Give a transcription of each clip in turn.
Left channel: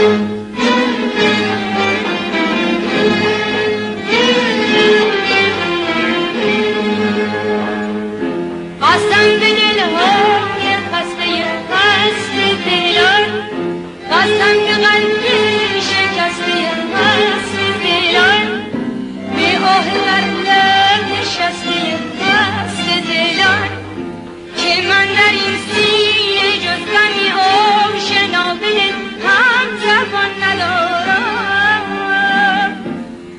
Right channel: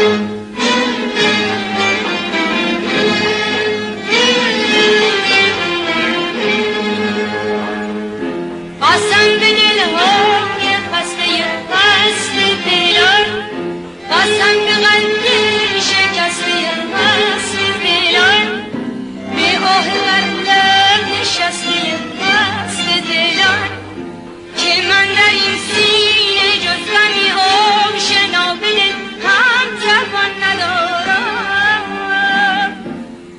قسم به دلهای خسته دلان، قسم به قلبی شکسته دلان، به آه بر لب نشسته دلان، که من در این سینه جز غمی آشنا به دل هم زبان ندارم.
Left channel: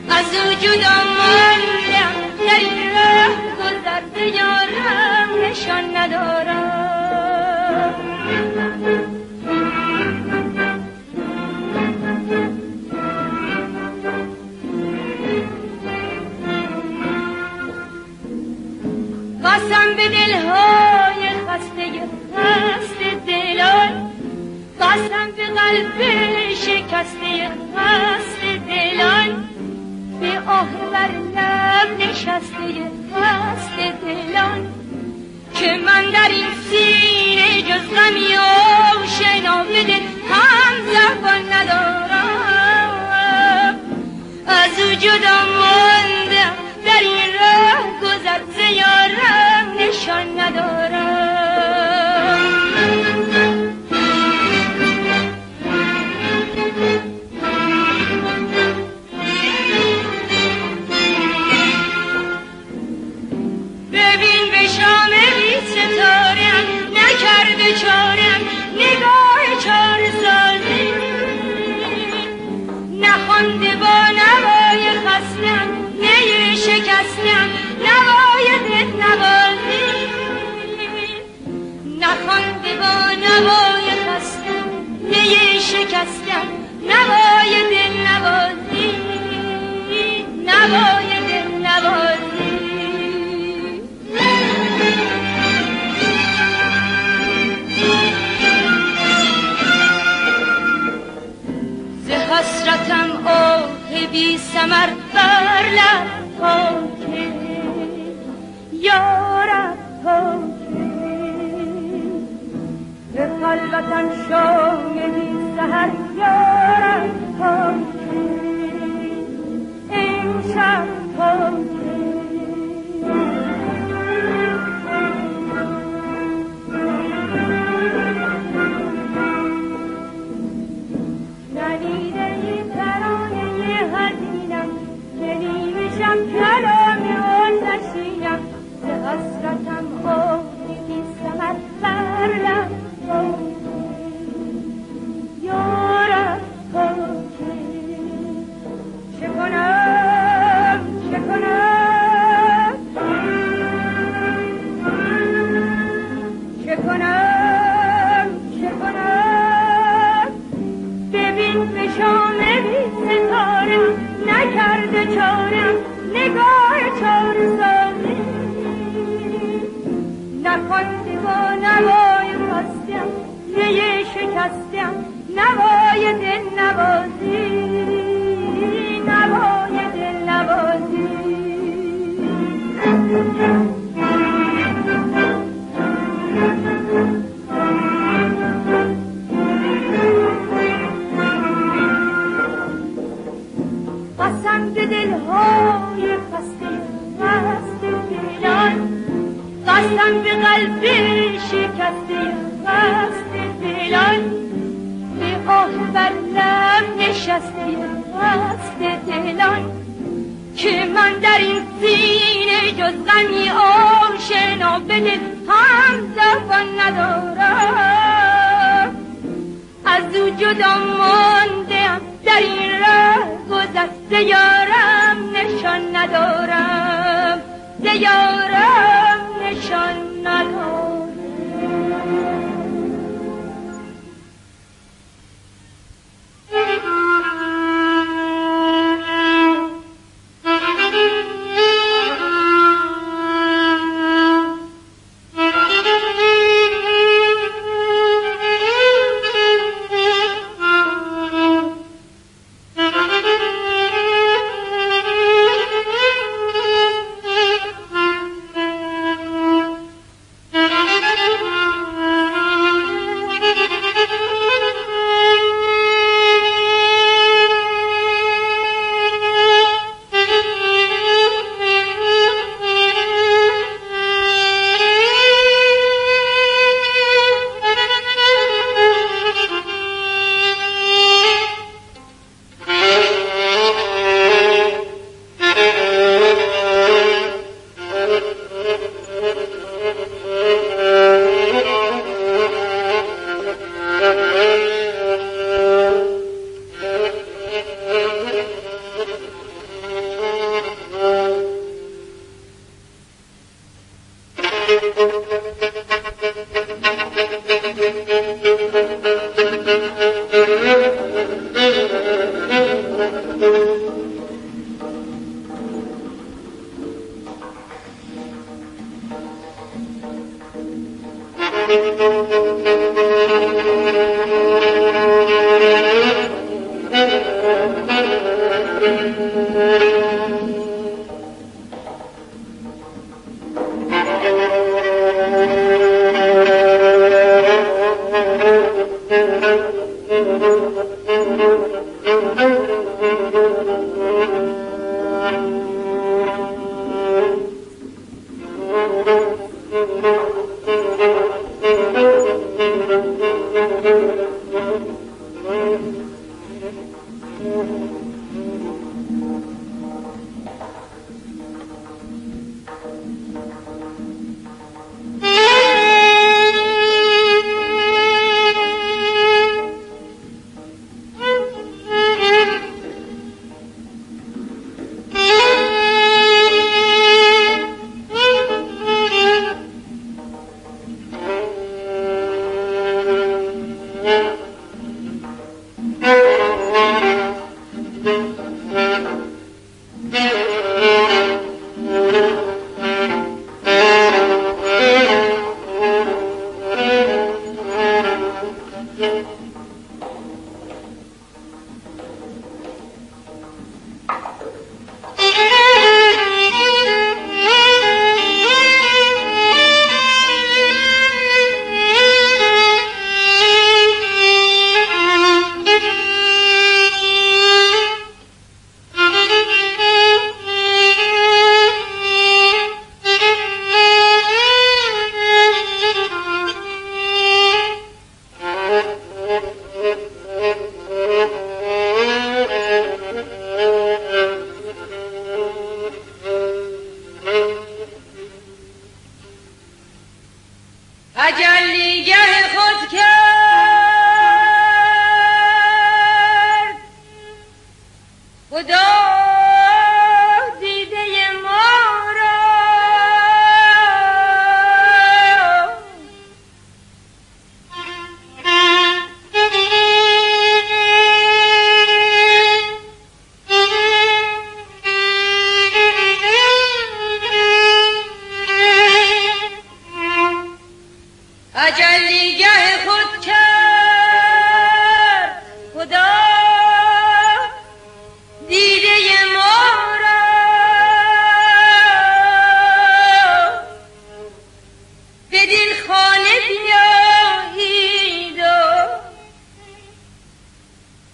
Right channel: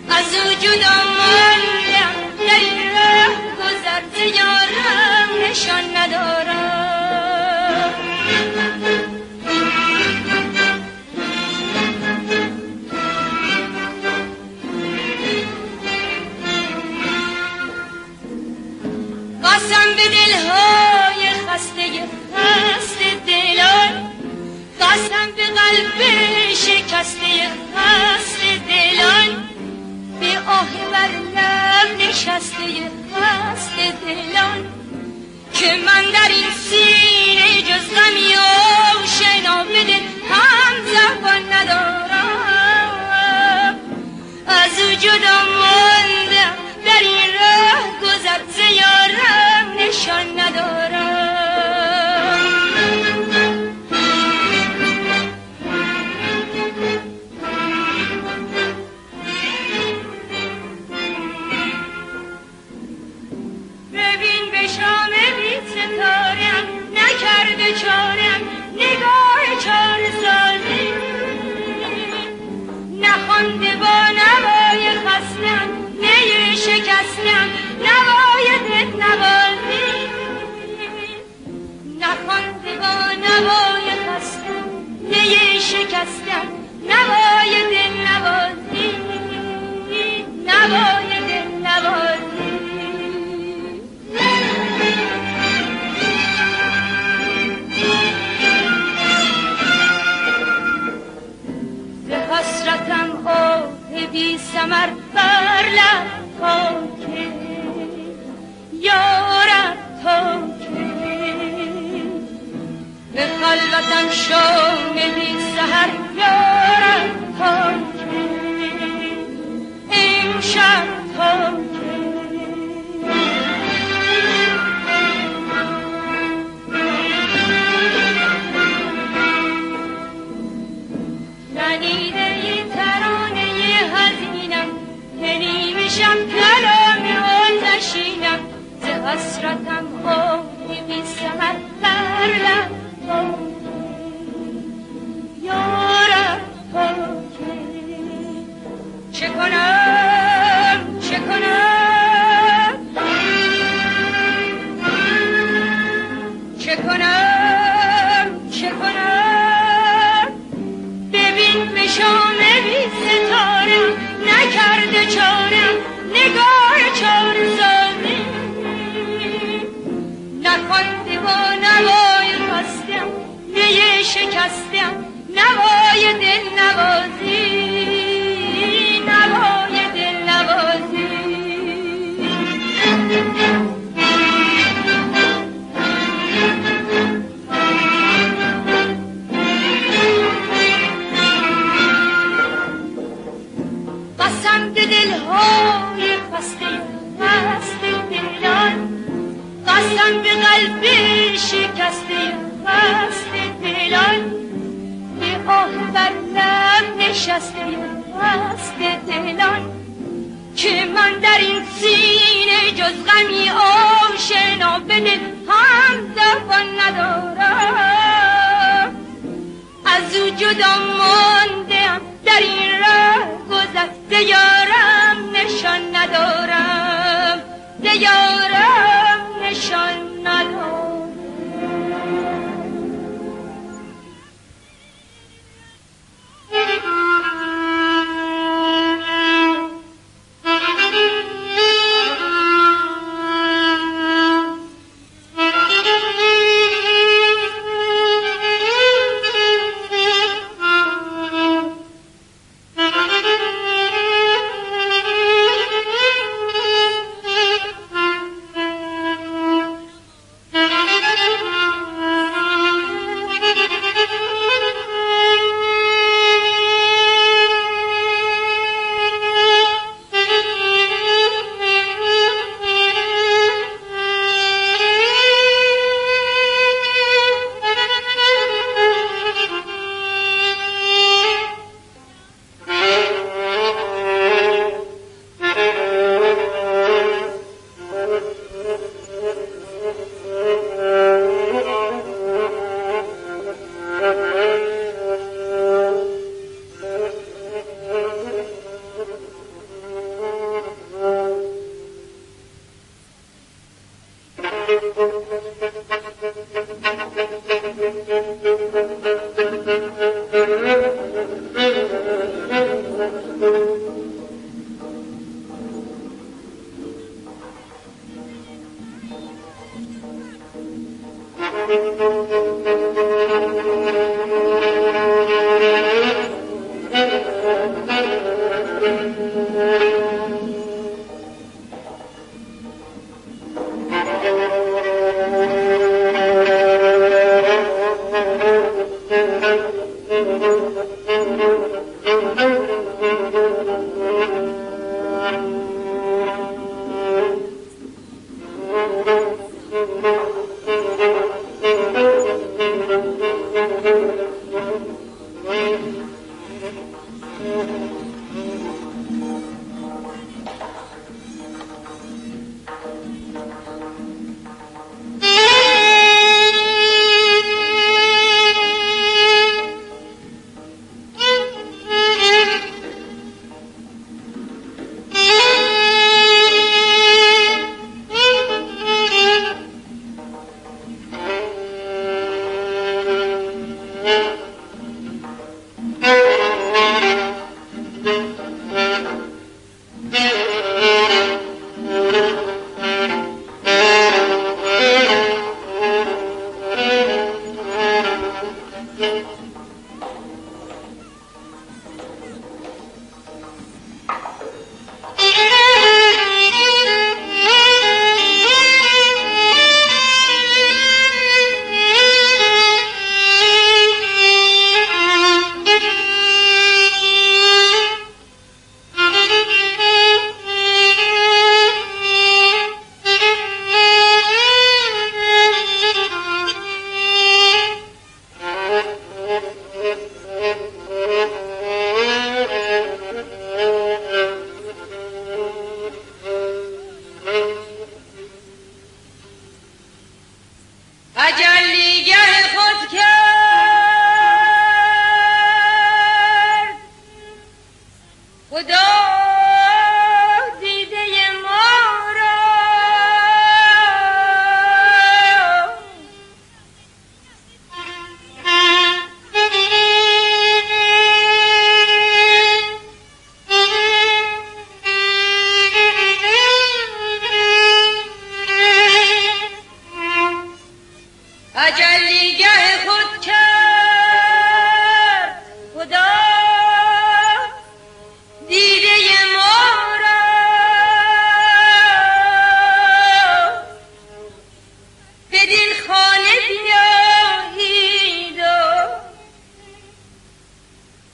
از او جدا ماندم در این راه گذر یارم نشان ندارم. قسم به دلهای خسته دلان، قسم به قلب شکسته دلان، به آه بر لب نشسته دلان، که من در این سینه جز غمی آشنا به دل هم زبان ندارم. از او جدا ماندم در این راه گذر ز یارم نشان ندارم. ببین به شام بی ستارم نکرده چارم نگاه چار سازی، نخوانده با نوای خستم نی شکستم نوای دل نوازی، نخوانده با نوای خستم نی شکستم نوای دل نوازی، نوای دل نوازی. حسرتم آه بی ثمر بر لب پاکه یارب پاکه، به خلوتم شام بی سحر یارب پاکه امشب پاکه. کلام آن نشینم ز حسرتم آهی بی ثمر بر لب یارب پاکه. چه کنم چه کنم چه کنم چه کنم، ببین به شام بی ستاره نکرده چارم نگاه چار سازی، نخوانده با نوای خستم نی شکستم نوای دل نوازی، نوای دل نوازی. قسم به دلهای خسته دلان، قسم به قلب شکسته دلان، به آه بر لب نشسته دلان، که من در این سینه جز غمی آشنا به دل هم زبان ندارم. از او جدا ماندم در این راه گذشته یارم نشان ندارم، ز یارم نشان ندارم. تجلیگر خود کرد خدا دیده ما را تجلیگر خود کرد خدا دیده ما را بدین خانه بیایید و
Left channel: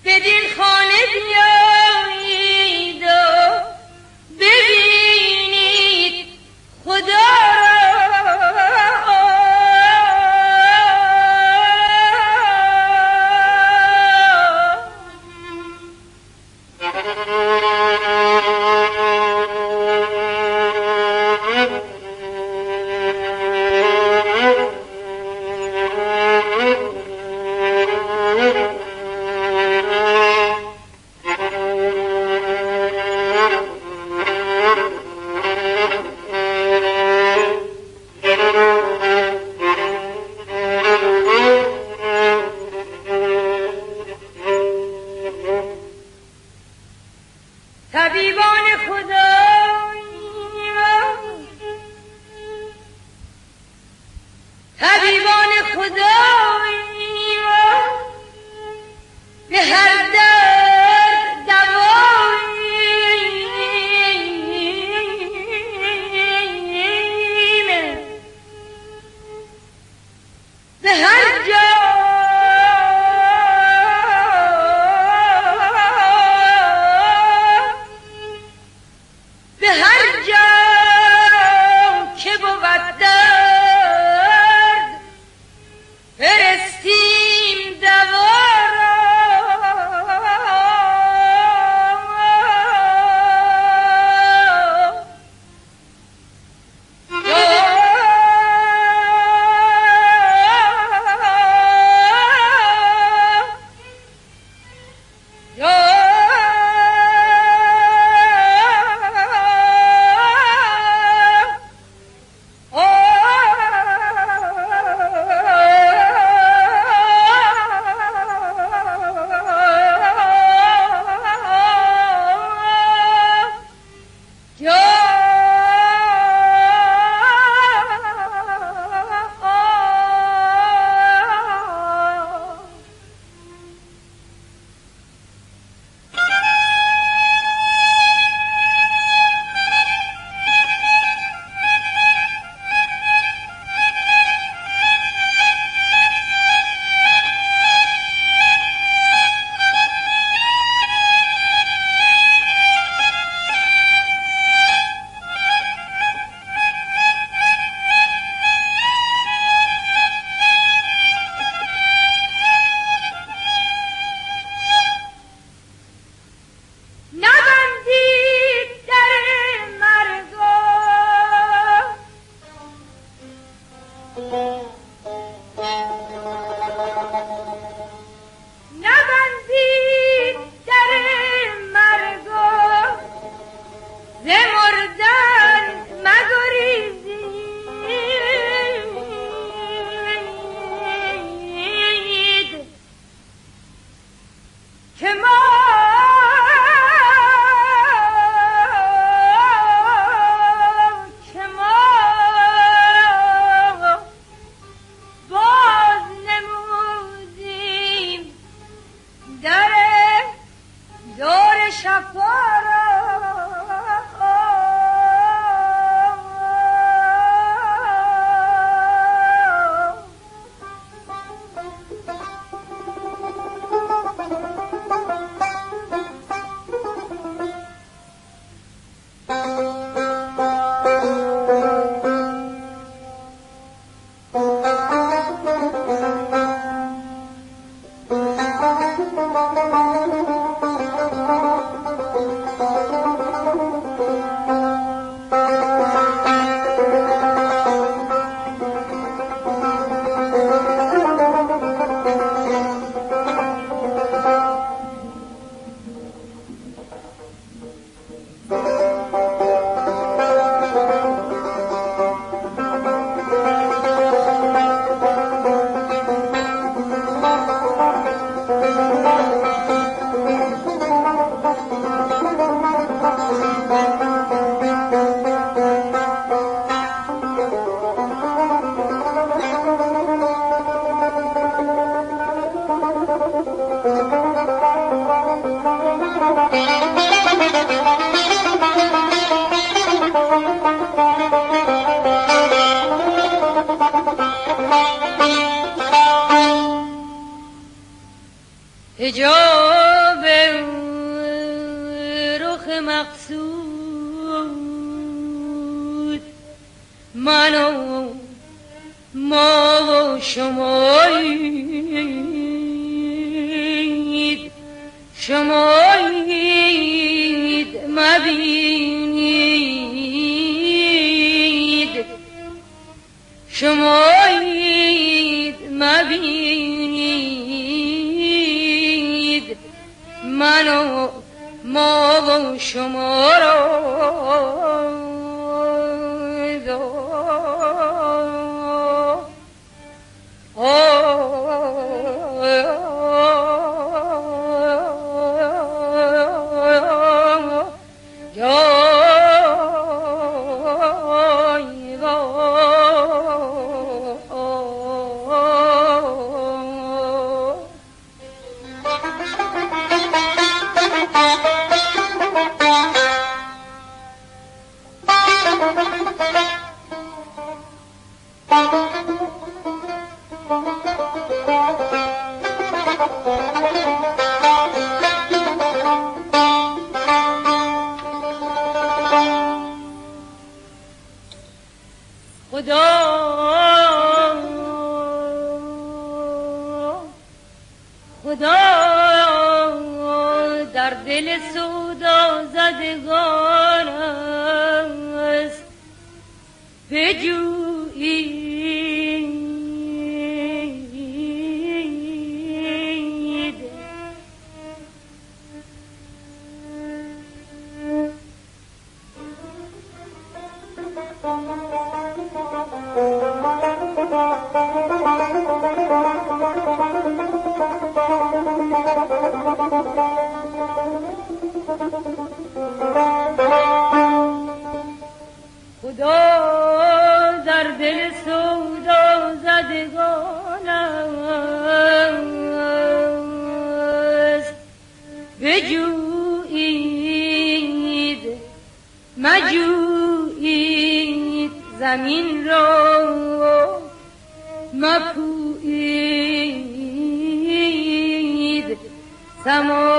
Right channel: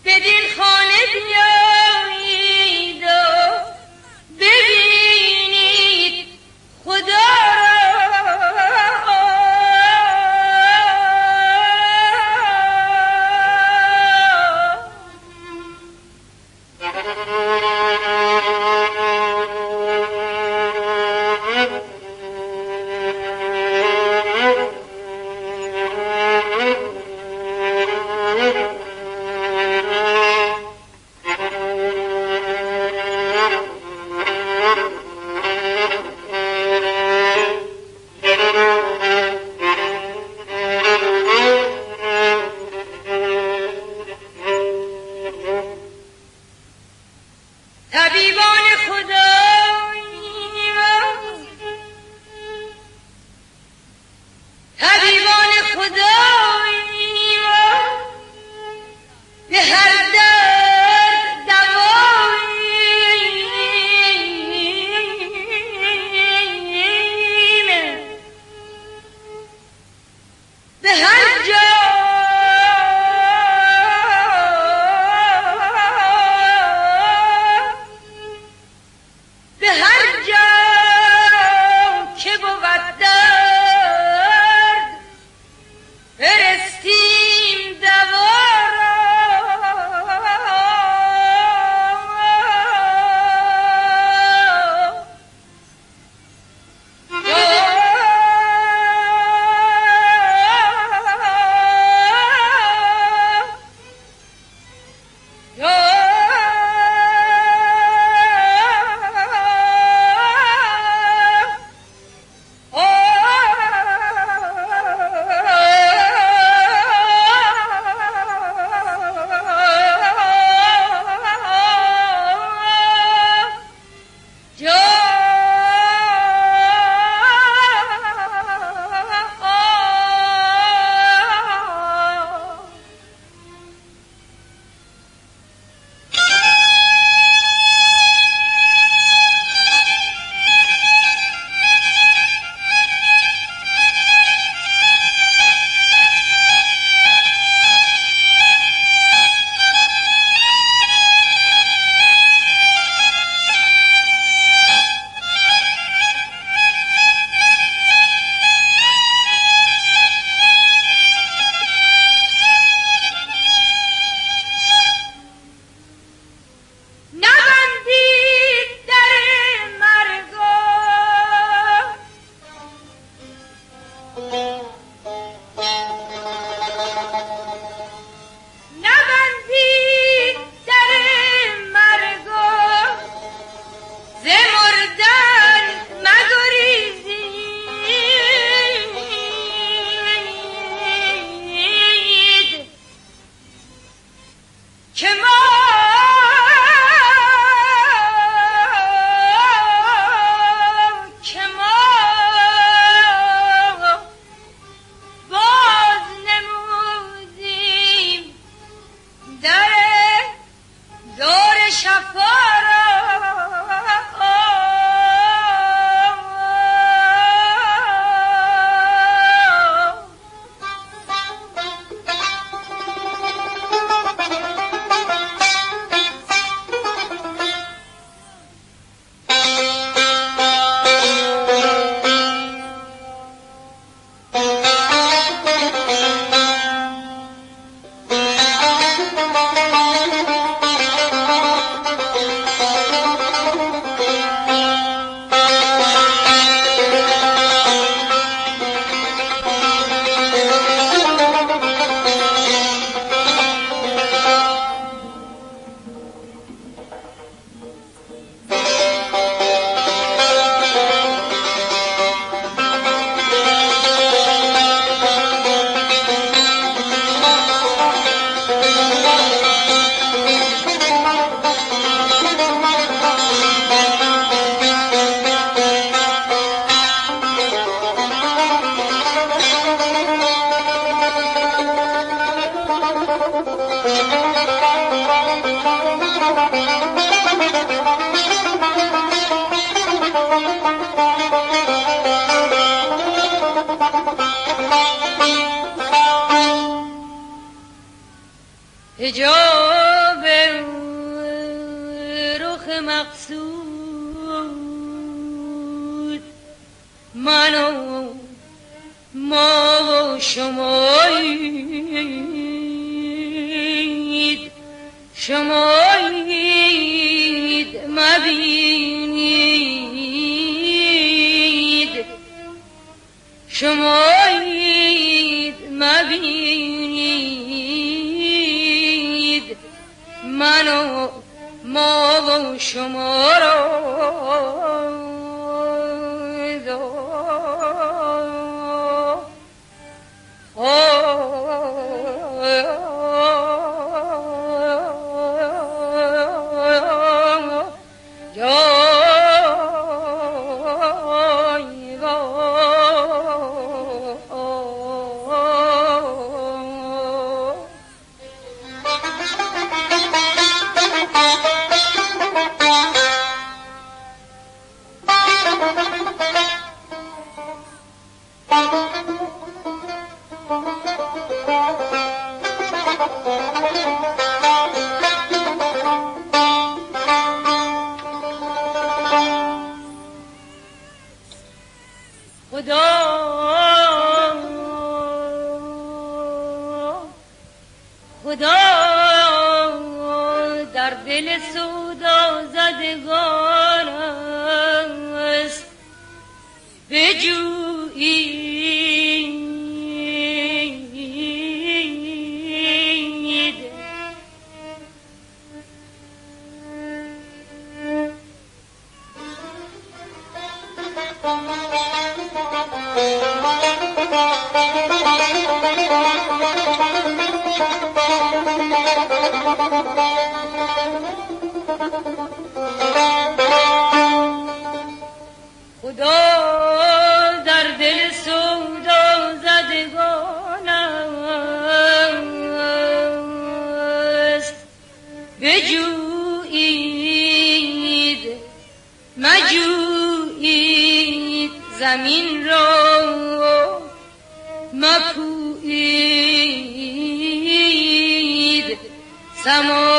بدین خانه بیایید و ببینید خدا طبیبان خدایی به هر درد دواییم به هر جا به هر جا که بود درد فرستیم دوا را شفارا حجاب رخ مقصود من و ما و شمایید مبینید شمایید مبینید من و ما و شما را خدا در دل سودا زدگان است بجویید خدا در دل سودا زدگان است بجویید مجویید زمین را مپویید سما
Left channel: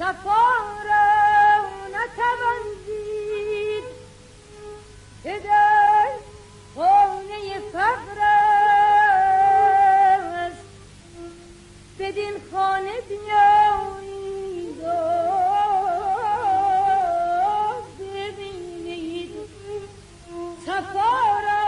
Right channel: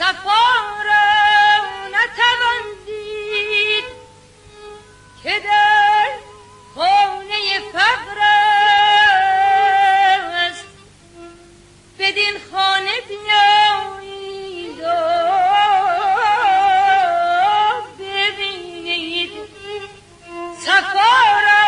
صفا را نتوان دید که در خانه فقر است. بدین خانه بیایید و ببینید صفا را.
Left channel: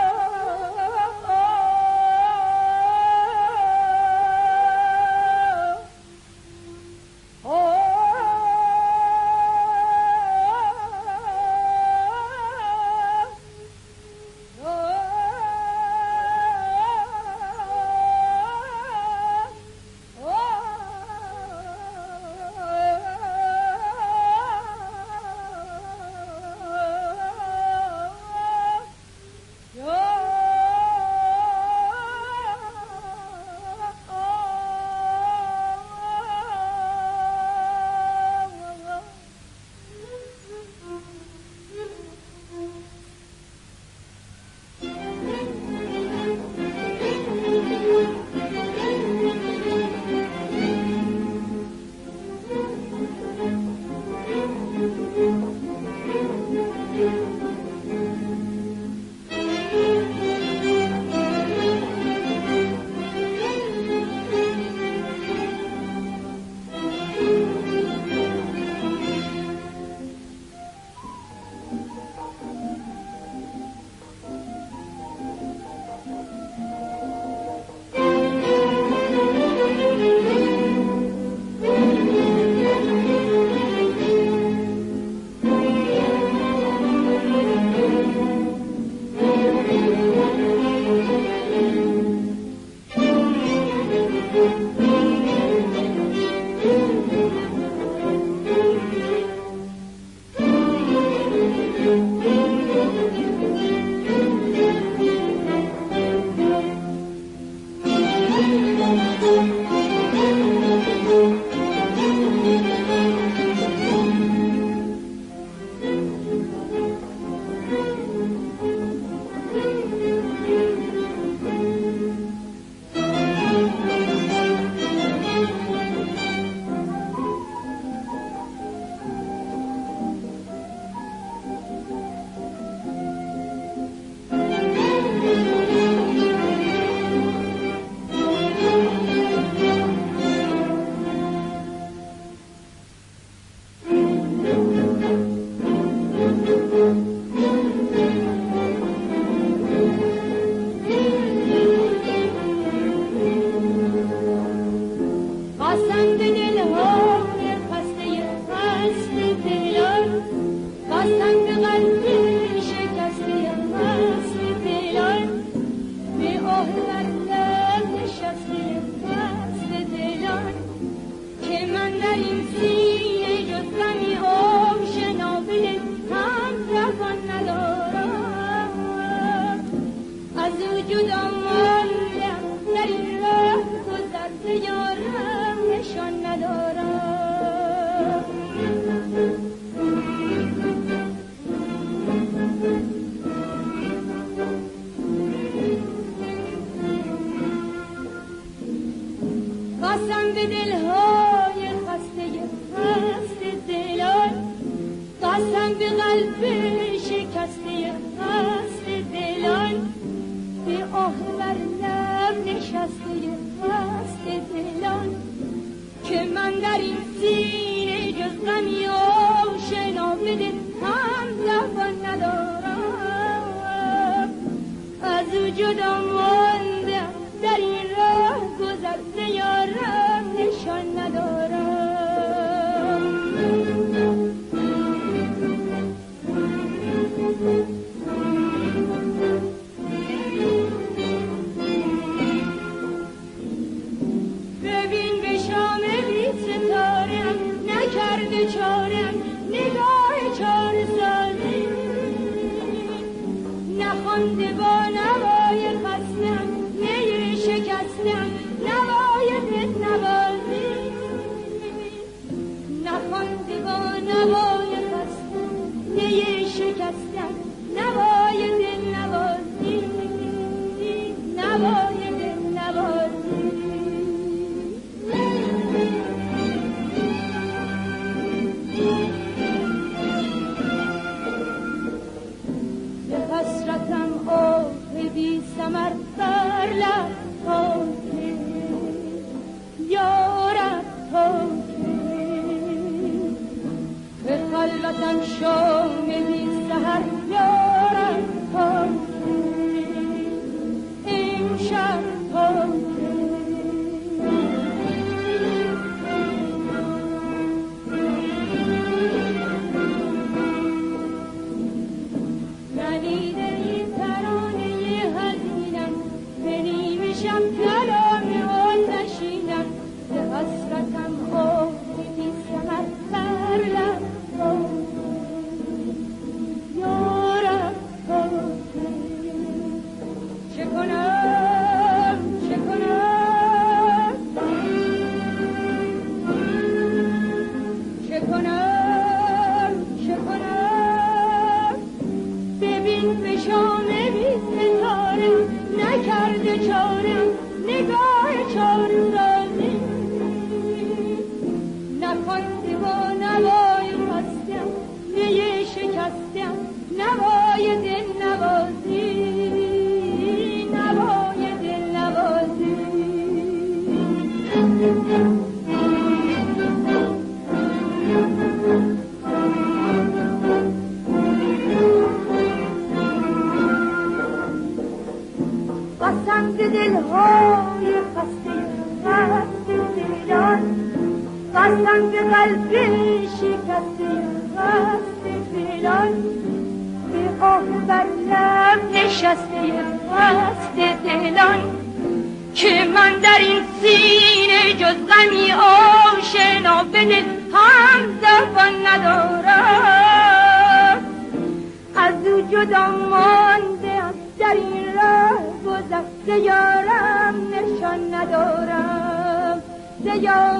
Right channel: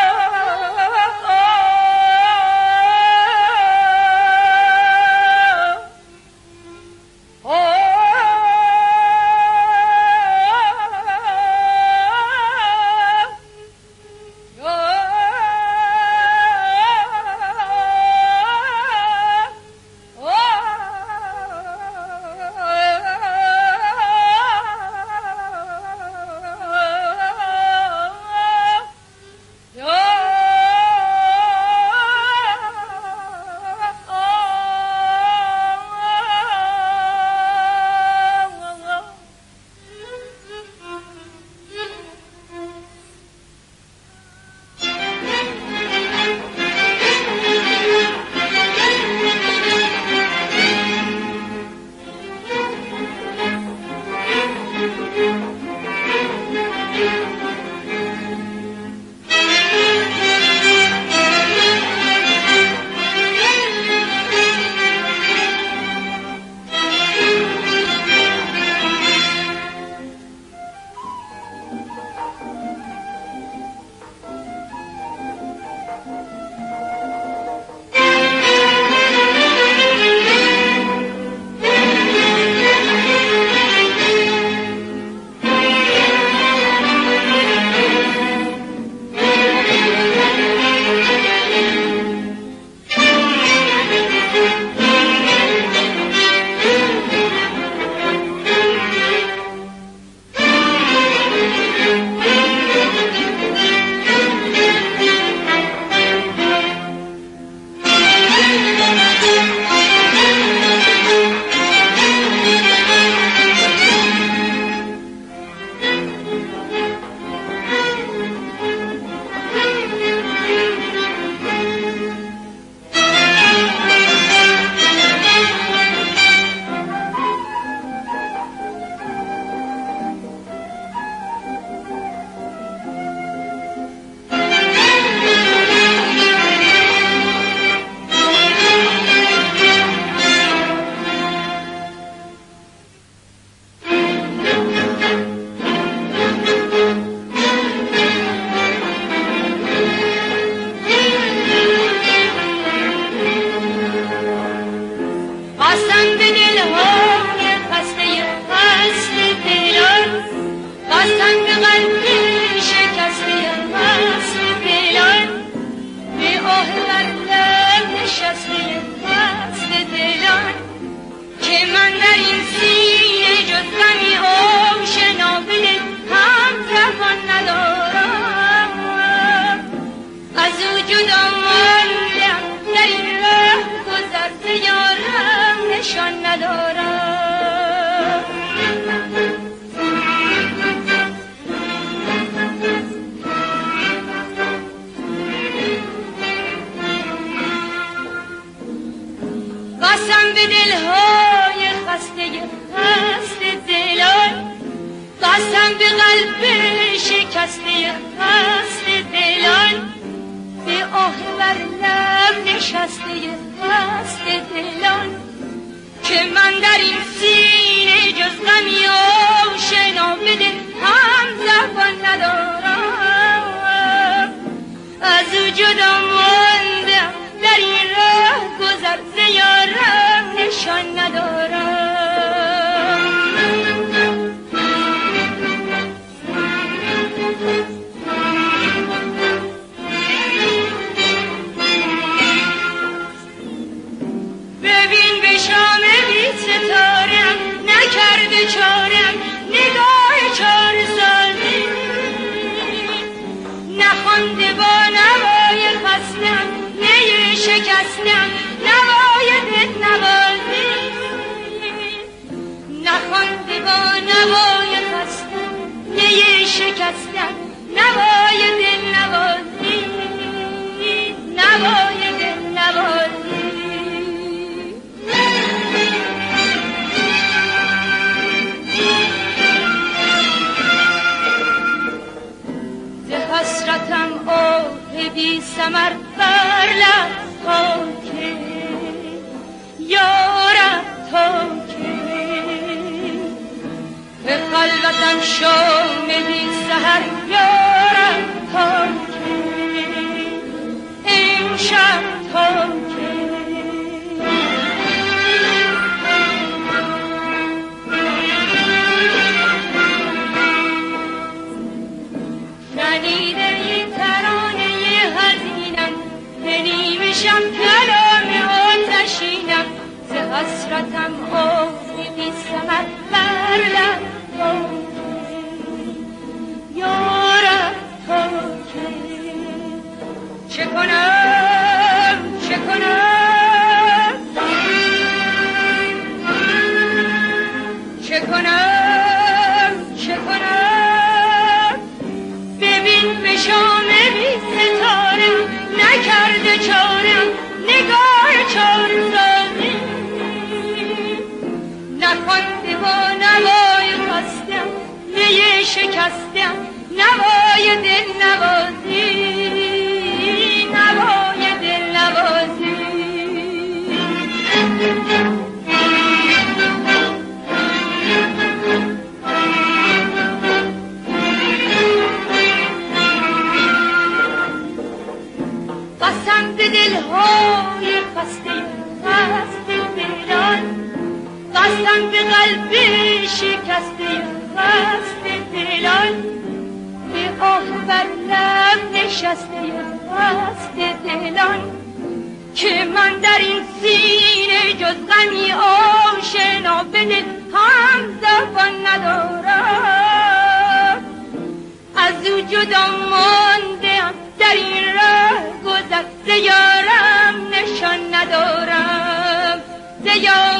قسم به دلهای خسته دلان، قسم به قلب شکسته دلان، به آه بر لب نشسته دلان، که من در این سینه جز غمی آشنا به دل هم زبان ندارم. از او جدا ماندم در این راه گذر ز یارم نشان ندارم. ببین به شام بی ستارم نکرده چارم نگاه چار سالی، نخوانده با نوای خستم نی شکستم نوای دل نوازی، نخوانده با نوای خستم نی شکستم نوای دل نوازی، نوای دل نوازی. من شامدی سحر یارم تا که این شب تا که شنیده این ترانه حزینم که نیمه شب کلام آتشینم ز حسرتم آفی بی ثمر بر لب تا که یارم تا که چه کنم چه کنم چه کنم چه کنم ببین به شام بی ستاره نکرده چارم نگاه چارزانی نخوانده با نوای خستم نیه شکستم نوای دل نوازی نوای دل نوازی قسم به دلهای خسته خسته دلان قسم به قلب شکسته خسته دلان به آه بر لب نشسته خسته دلان که من در این سینه جز غمی آشنا به دل همزبان ندارم از او جدا مانده‌ام در این ره گذشته یارم نشان ندارم ز یارم